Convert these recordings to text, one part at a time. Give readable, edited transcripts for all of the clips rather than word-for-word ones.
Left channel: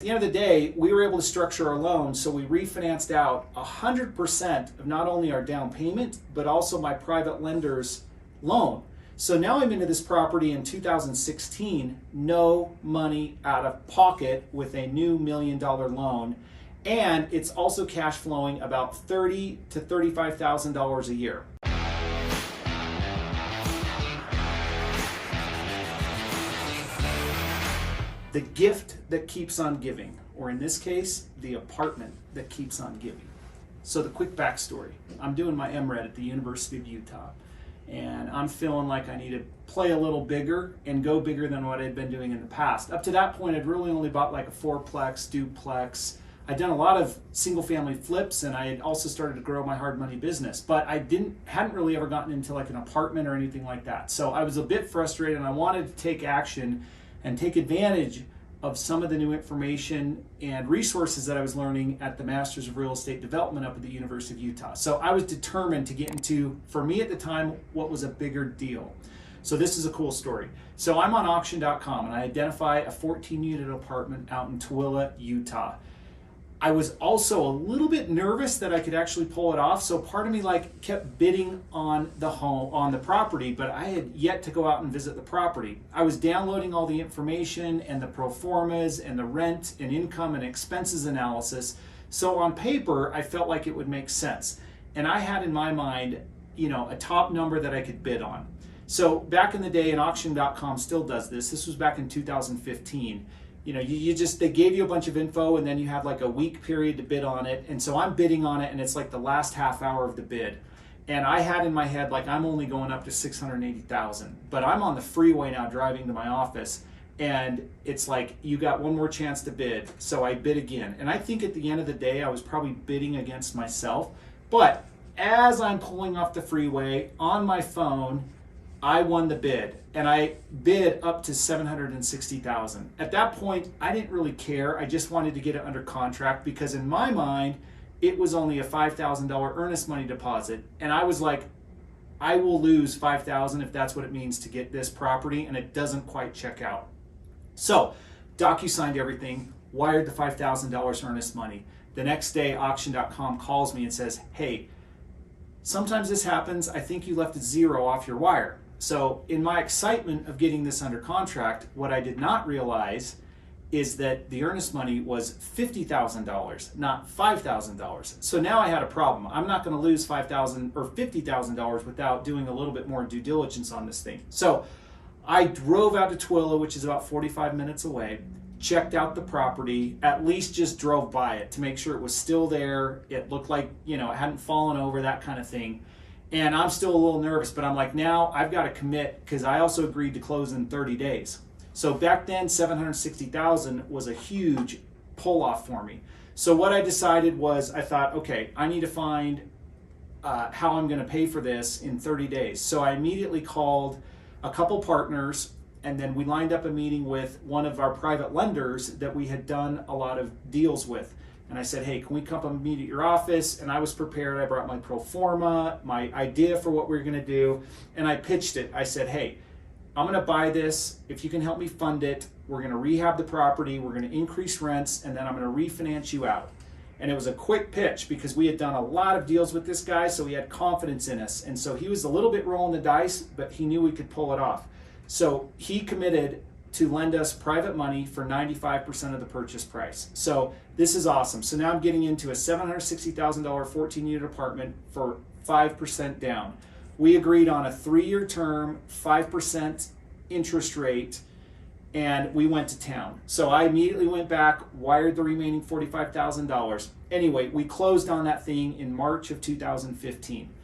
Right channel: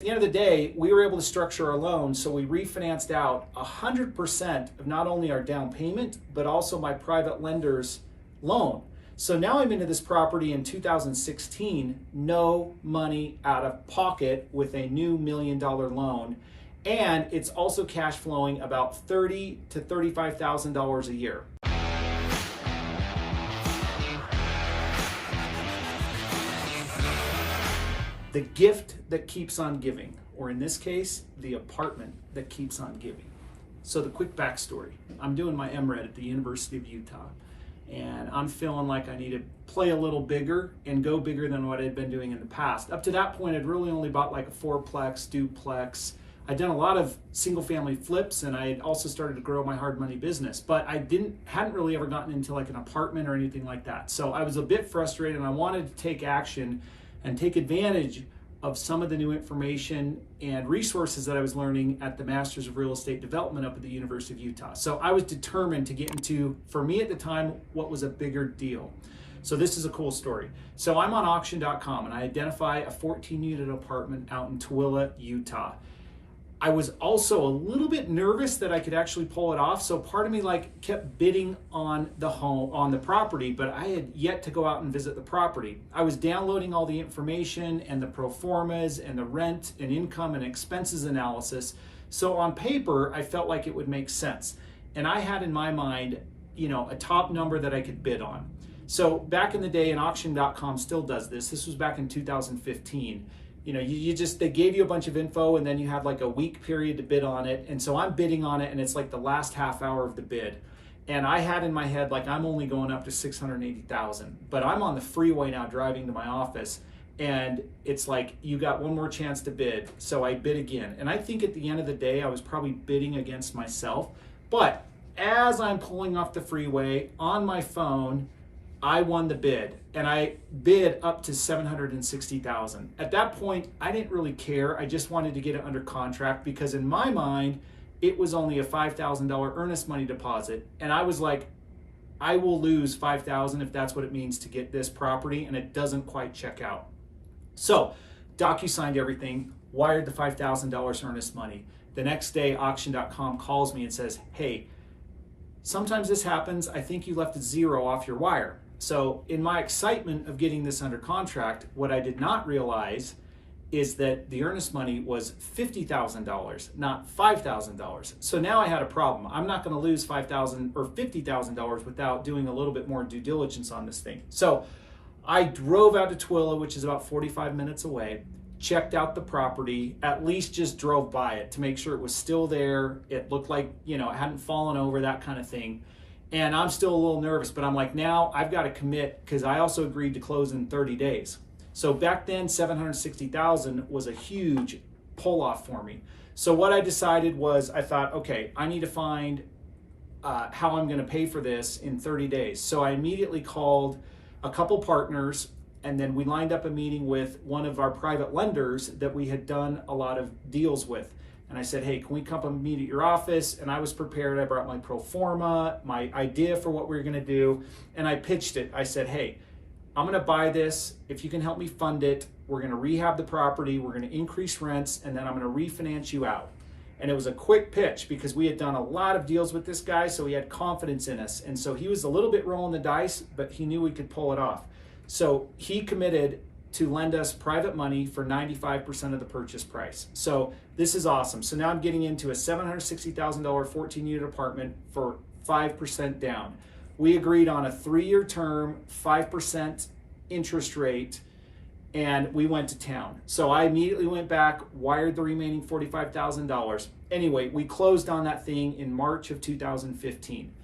At the end of the day, we were able to structure our loan so we refinanced out 100% of not only our down payment, but also my private lender's loan. So now I'm into this property in 2016, no money out of pocket with a new $1 million loan. And it's also cash flowing about $30,000 to $35,000 a year. The gift that keeps on giving, or in this case, the apartment that keeps on giving. So the quick backstory, I'm doing my MRed at the University of Utah, and I'm feeling like I need to play a little bigger and go bigger than what I'd been doing in the past. Up to that point, I'd really only bought like a fourplex, duplex. I'd done a lot of single family flips, and I had also started to grow my hard money business, but I hadn't really ever gotten into like an apartment or anything like that. So I was a bit frustrated, and I wanted to take action and take advantage of some of the new information and resources that I was learning at the Masters of Real Estate Development up at the University of Utah. So I was determined to get into, for me at the time, what was a bigger deal. So this is a cool story. So I'm on auction.com and I identify a 14-unit apartment out in Tooele, Utah. I was also a little bit nervous that I could actually pull it off. So part of me like kept bidding on the home, on the property, but I had yet to go out and visit the property. I was downloading all the information and the pro formas and the rent and income and expenses analysis. So on paper, I felt like it would make sense. And I had in my mind, a top number that I could bid on. So back in the day, and auction.com still does this. This was back in 2015. They gave you a bunch of info and then you had like a week period to bid on it. And so I'm bidding on it and it's like the last half hour of the bid. And I had in my head, like I'm only going up to 680,000, but I'm on the freeway now driving to my office and it's like, you got one more chance to bid. So I bid again. And I think at the end of the day, I was probably bidding against myself. But as I'm pulling off the freeway on my phone, I won the bid and I bid up to 760,000. At that point, I didn't really care. I just wanted to get it under contract because in my mind, it was only a $5,000 earnest money deposit. And I was like, I will lose $5,000 if that's what it means to get this property and it doesn't quite check out. So DocuSigned everything, wired the $5,000 earnest money. The next day, auction.com calls me and says, hey, sometimes this happens. I think you left a zero off your wire. So in my excitement of getting this under contract, what I did not realize is that the earnest money was $50,000, not $5,000. So now I had a problem. I'm not going to lose $5,000 or $50,000 without doing a little bit more due diligence on this thing. So I drove out to Tooele, which is about 45 minutes away, checked out the property, at least just drove by it to make sure it was still there. It looked like, it hadn't fallen over, that kind of thing. And I'm still a little nervous, but I'm like, now I've got to commit because I also agreed to close in 30 days. So back then, 760,000 was a huge pull off for me. So what I decided was, I thought, okay, I need to find how I'm going to pay for this in 30 days. So I immediately called a couple partners, and then we lined up a meeting with one of our private lenders that we had done a lot of deals with. And I said, hey, can we come and meet at your office? And I was prepared. I brought my pro forma, my idea for what we were going to do. And I pitched it. I said, hey, I'm going to buy this. If you can help me fund it, we're going to rehab the property. We're going to increase rents. And then I'm going to refinance you out. And it was a quick pitch because we had done a lot of deals with this guy. So he had confidence in us. And so he was a little bit rolling the dice, but he knew we could pull it off. So he committed to lend us private money for 95% of the purchase price. So this is awesome. So now I'm getting into a $760,000 14-unit apartment for 5% down. We agreed on a 3-year term, 5% interest rate, and we went to town. So I immediately went back, wired the remaining $45,000. Anyway, we closed on that thing in March of 2015.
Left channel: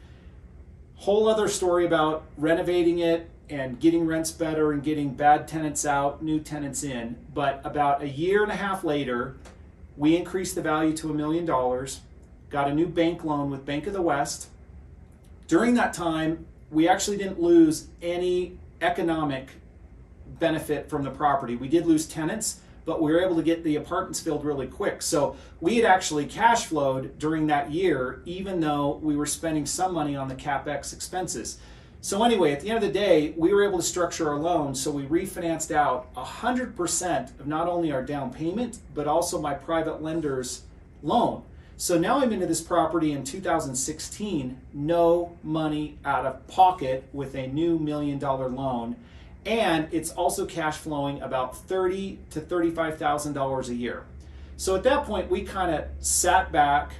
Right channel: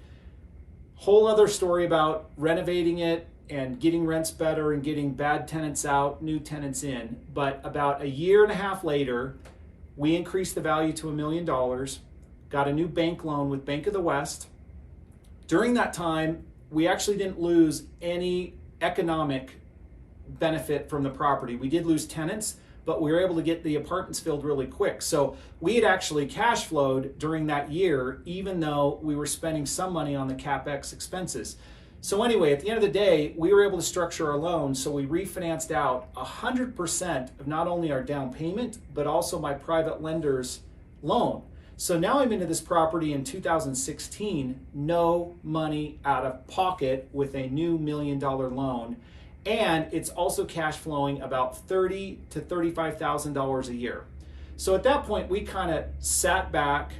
Whole other story about renovating it and getting rents better and getting bad tenants out, new tenants in. But about a year and a half later, we increased the value to $1 million, got a new bank loan with Bank of the West. During that time, we actually didn't lose any economic benefit from the property. We did lose tenants, but we were able to get the apartments filled really quick. So we had actually cash flowed during that year, even though we were spending some money on the CapEx expenses. So anyway, at the end of the day, we were able to structure our loan, so we refinanced out 100% of not only our down payment, but also my private lender's loan. So now I'm into this property in 2016, no money out of pocket with a new $1 million loan. And it's also cash flowing about $30,000 to $35,000 a year. So at that point, we kind of sat back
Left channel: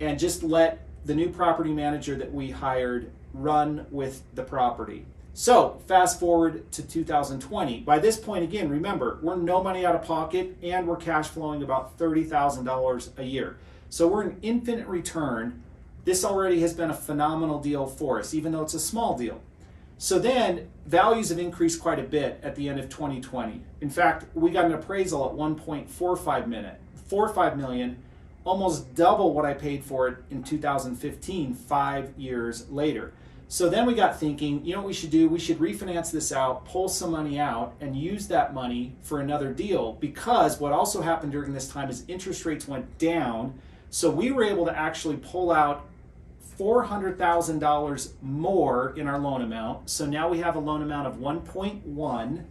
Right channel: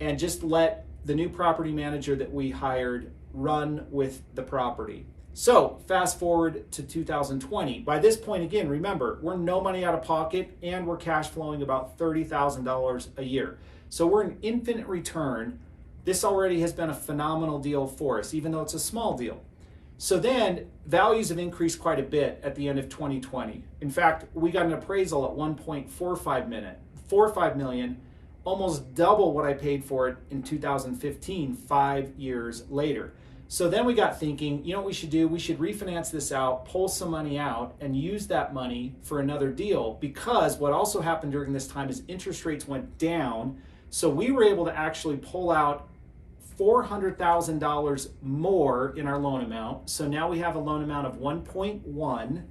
and just let the new property manager that we hired run with the property. So fast forward to 2020. By this point, again, remember, we're no money out of pocket and we're cash flowing about $30,000 a year. So we're an infinite return. This already has been a phenomenal deal for us, even though it's a small deal. So then values have increased quite a bit at the end of 2020. In fact, we got an appraisal at 1.45 million, almost double what I paid for it in 2015, 5 years later. So then we got thinking, you know what we should do? We should refinance this out, pull some money out, and use that money for another deal, because what also happened during this time is interest rates went down. So we were able to actually pull out $400,000 more in our loan amount. So now we have a loan amount of 1.1,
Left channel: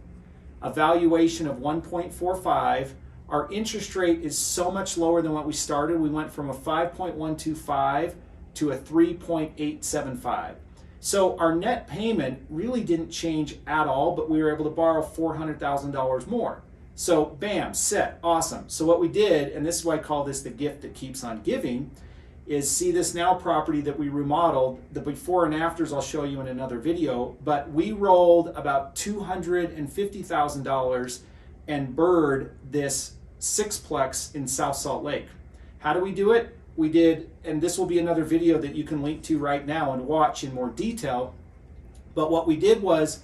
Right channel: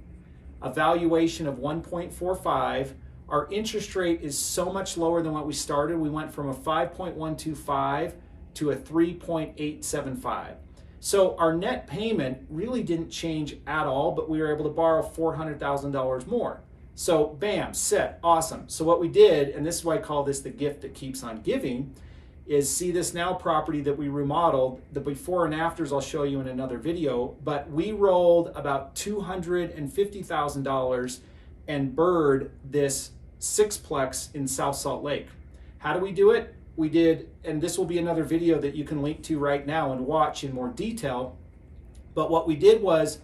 a valuation of 1.45. Our interest rate is so much lower than what we started. We went from a 5.125 to a 3.875. So our net payment really didn't change at all, but we were able to borrow $400,000 more. So bam, set, awesome. So what we did, and this is why I call this the gift that keeps on giving, is see this now property that we remodeled. The before and afters I'll show you in another video, but we rolled about $250,000 and bird this sixplex in South Salt Lake. How do we do it? We did, and this will be another video that you can link to right now and watch in more detail. But what we did was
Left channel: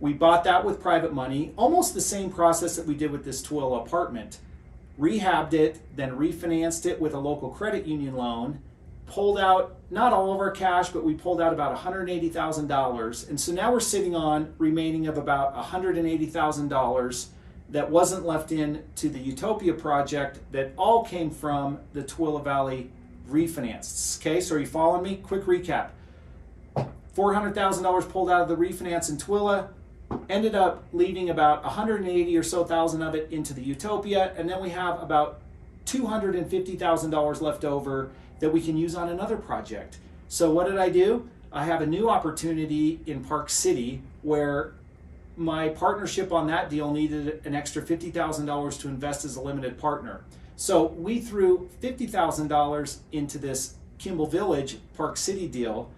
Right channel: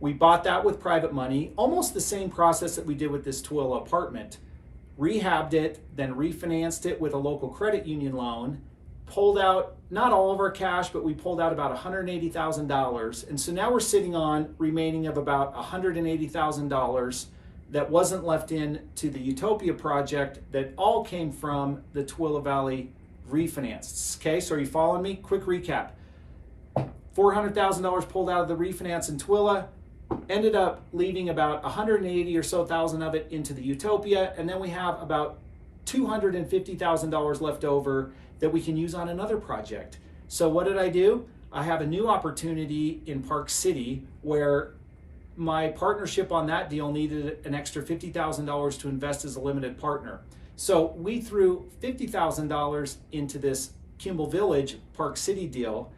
we bought that with private money, almost the same process that we did with this Twilla apartment. Rehabbed it, then refinanced it with a local credit union loan, pulled out not all of our cash, but we pulled out about $180,000. And so now we're sitting on remaining of about $180,000 that wasn't left in to the Utopia project that all came from the Twilla Valley refinance. Okay, so are you following me? Quick recap. $400,000 pulled out of the refinance in Twilla, ended up leaving about 180 or so thousand of it into the Utopia, and then we have about $250,000 left over that we can use on another project. So what did I do? I have a new opportunity in Park City where my partnership on that deal needed an extra $50,000 to invest as a limited partner. So we threw $50,000 into this Kimball Village Park City deal,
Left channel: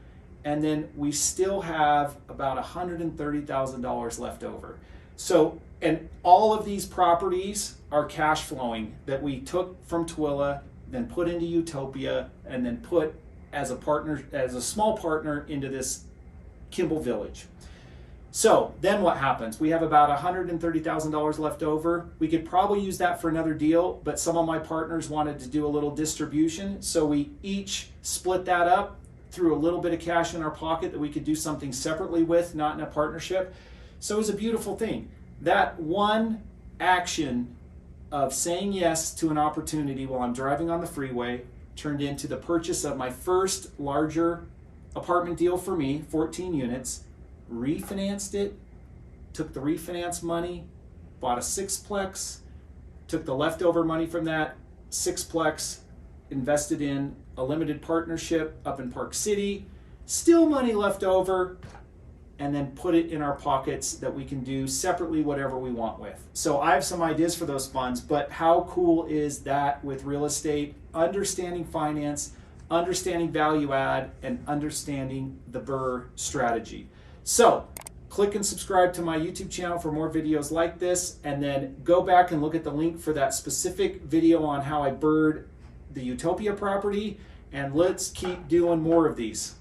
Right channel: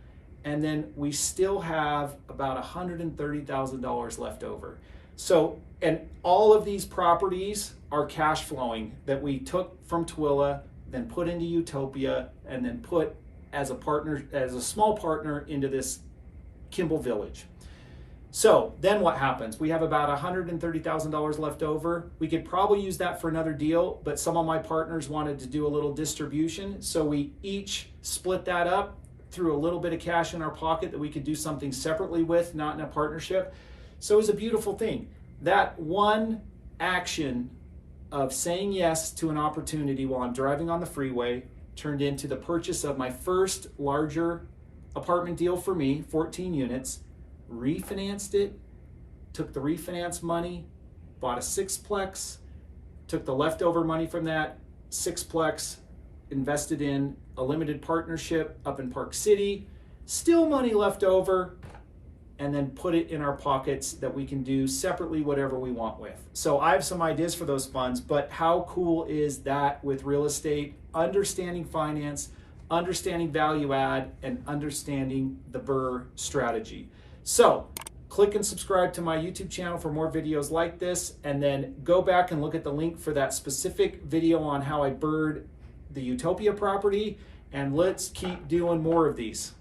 and then we still have about $130,000 left over. So, and all of these properties are cash flowing that we took from Twilla, then put into Utopia, and then put as a partner, as a small partner into this Kimball Village. So then what happens? We have about $130,000 left over. We could probably use that for another deal, but some of my partners wanted to do a little distribution. So we each split that up, threw a little bit of cash in our pocket that we could do something separately with, not in a partnership. So it was a beautiful thing. That one action of saying yes to an opportunity while I'm driving on the freeway turned into the purchase of my first larger apartment deal for me, 14 units, refinanced it, took the refinance money, bought a sixplex, took the leftover money from that sixplex, invested in a limited partnership up in Park City, still money left over, and then put it in our pockets that we can do separately whatever we want with. So I have some ideas for those funds, but how cool is that with real estate, understanding finance, understanding value add, and understanding the BRRRR strategy. So click and subscribe to my YouTube channel for more videos like this, and then go back and look at the link for that specific video on how I BRRRR'd the Utopia property, and let's keep doing more of these.